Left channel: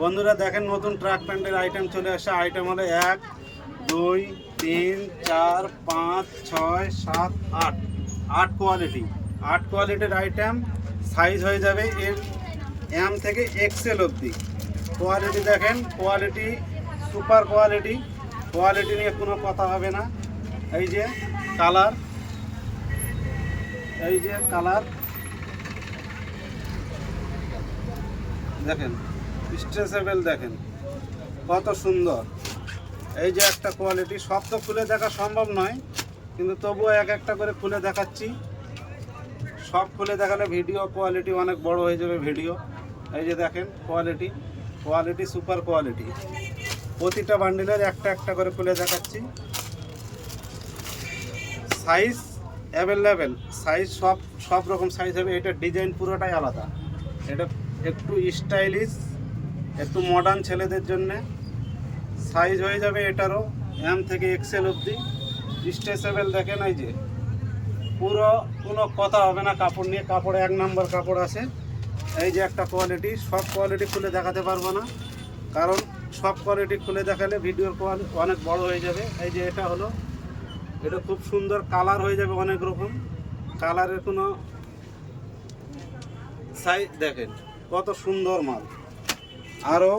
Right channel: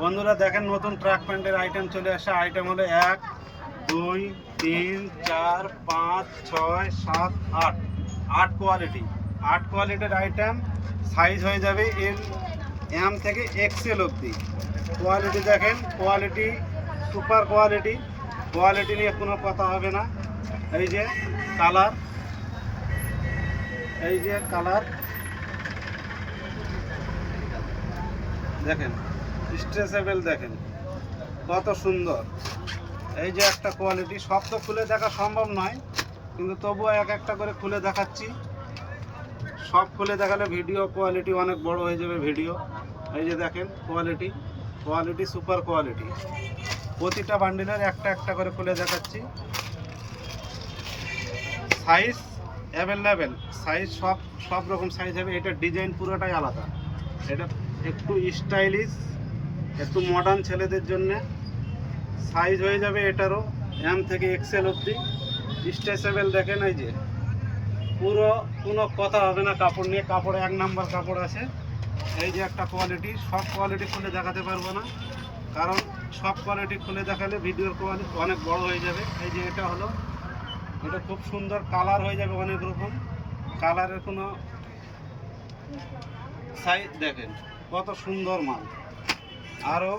বন্ধুরা দেখেন নতুন ট্রাক প্যান্টের আইটেম চলে আসে। আইটেম হলো 1 2 3 4 5 6 7 8 8 কোয়ালিটি। 8 কোয়ালিটির আইটেম। সাইজ হয়ে যাবে এম থেকে এক্সেল অবধি। কোয়ালিটি দেখেন, কোয়ালিটি সুপার কোয়ালিটি। কোয়ালিটি নিয়ে কোনো কথা হবে না। এই যে কালার, এই যে কালার দেখেন, স্ট্রেচেবল দেখেন কত সুন্দর। এই যে একটা কোয়ালিটি, সব তো খুলে দেখা সম্ভব নয়, কিন্তু তবুও এক একটা করে খুলে দেখাচ্ছি। সব খুলে দেখালে ভিডিও কোয়ালিটি অনেক বড় হয়ে যাবে ভিডিও। এই যে দেখেন কোয়ালিটি, কোয়ালিটি সুপার কোয়ালিটি। প্রতিটা বান্ডিলের একটা একটা করে খুলে দেখাচ্ছি। সাইজ অ্যাভেলেবেল, সাইজ সব রকম সাইজ হবে। এটা ডিজাইন পুরোটাই আলাদা। এটা একটু স্টাইলিশ, একটু মডার্ন ছেলেদের জন্য। সাইজ হয়ে যাবে এটারও এম থেকে এক্সেল অবধি। স্ট্রেচেবল দেখেন, এই যে পুরো কোনো কথা হবে না কাপড় নিয়ে। কাপড়ে 1 নম্বর কাপড় আছে। এই যে একটা কোয়ালিটি, সব কোয়ালিটি খুলে দেখাতে পারবো না, কারণ সব কোয়ালিটি খুলে দেখালে ভিডিওর কোয়ালিটি অনেক বড় হয়ে যাবে। এই যে এটা হলো, এটা খুব সুন্দর কালার হয়ে যাবে, অনেক রকম কালারের। কোনো সাইজ দেখেন কত সুন্দর মাল। আরও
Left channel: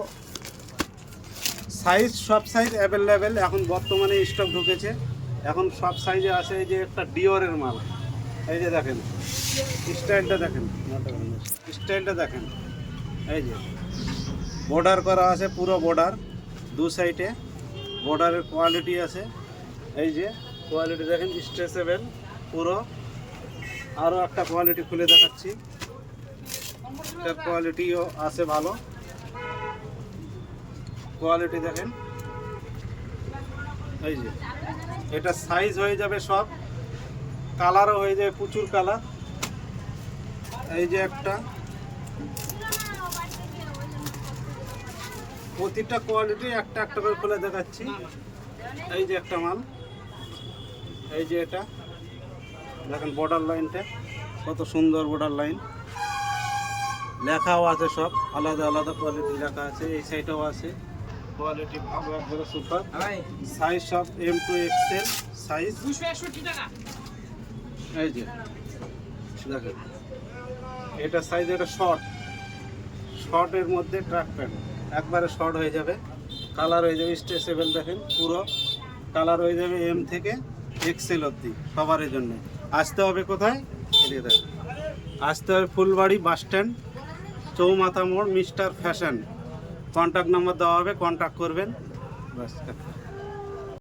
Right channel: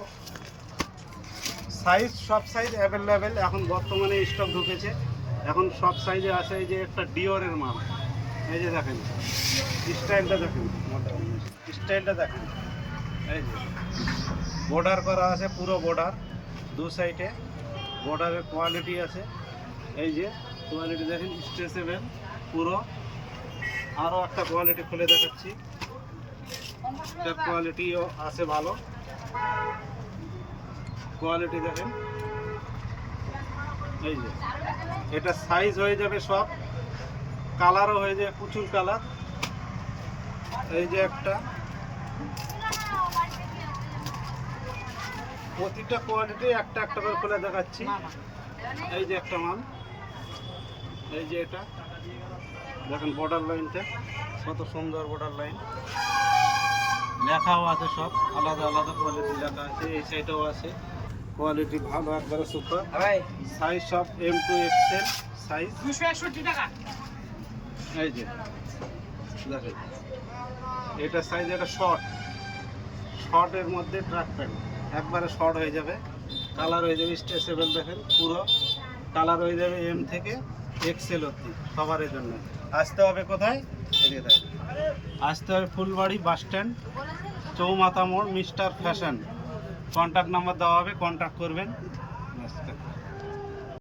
সাইজ, সব সাইজ অ্যাভেলেবেল এখন বর্তমানে স্টক ঢুকেছে। এখন সব সাইজে আছে। এই যে একটা ডিওরের মাল, এই যে দেখেন স্টাইলটা দেখেন, স্টাইলটা দেখেন। এই যে বর্ডার করা আছে, পুরো বর্ডার, দু সাইডে বর্ডারের কোয়ালিটি আছে। এই যে কোয়ালিটি দেখেন, স্ট্রেচেবল পুরো। আরও একটা কোয়ালিটি খুলে দেখাচ্ছি। একটা কোয়ালিটিও আছে ভালো, কোয়ালিটি দেখেন। এই যে এটা সাইজ হয়ে যাবে সব, কালারও হয়ে যাবে প্রচুর কালার। এই যে একটা, প্রতিটা কোয়ালিটি একটা একটা করে খুলে দেখাচ্ছি। এই যে একটা মাল, এই যে এটা দেখেন বর্ডার লাইনটা কত সুন্দর। বর্ডার লাইন লেখাও আছে, সব আলাদা আলাদা কোয়ালিটি লেখা আছে। এই সাইডেও আছে কোয়ালিটি ভালো, একবারে সুপার। সাইজ সব এম টু এক্সেল সাইজ, 261 টাকা। এই যে দেখেন এটা সাইজ, এটা শর্টের মধ্যে ট্রাক প্যান্ট, একবারে শর্ট হয়ে যাবে। কালার হয়ে যাবে স্ট্রেচেবল দেখেন, পুরো কালার হয়ে যাবে এম থেকে এক্সেল অবধি সবার জন্য। আসতে হবে কোথায়? এদিকে দেখেন, আসতে হবে ফুলবাড়ি বাস স্ট্যান্ড, চৌমাথা মোড়, মিস্টার ফ্যাশন। কন্ট্যাক্ট নাম্বার দেওয়া হবে, কন্ট্যাক্ট করবেন ব্যাস।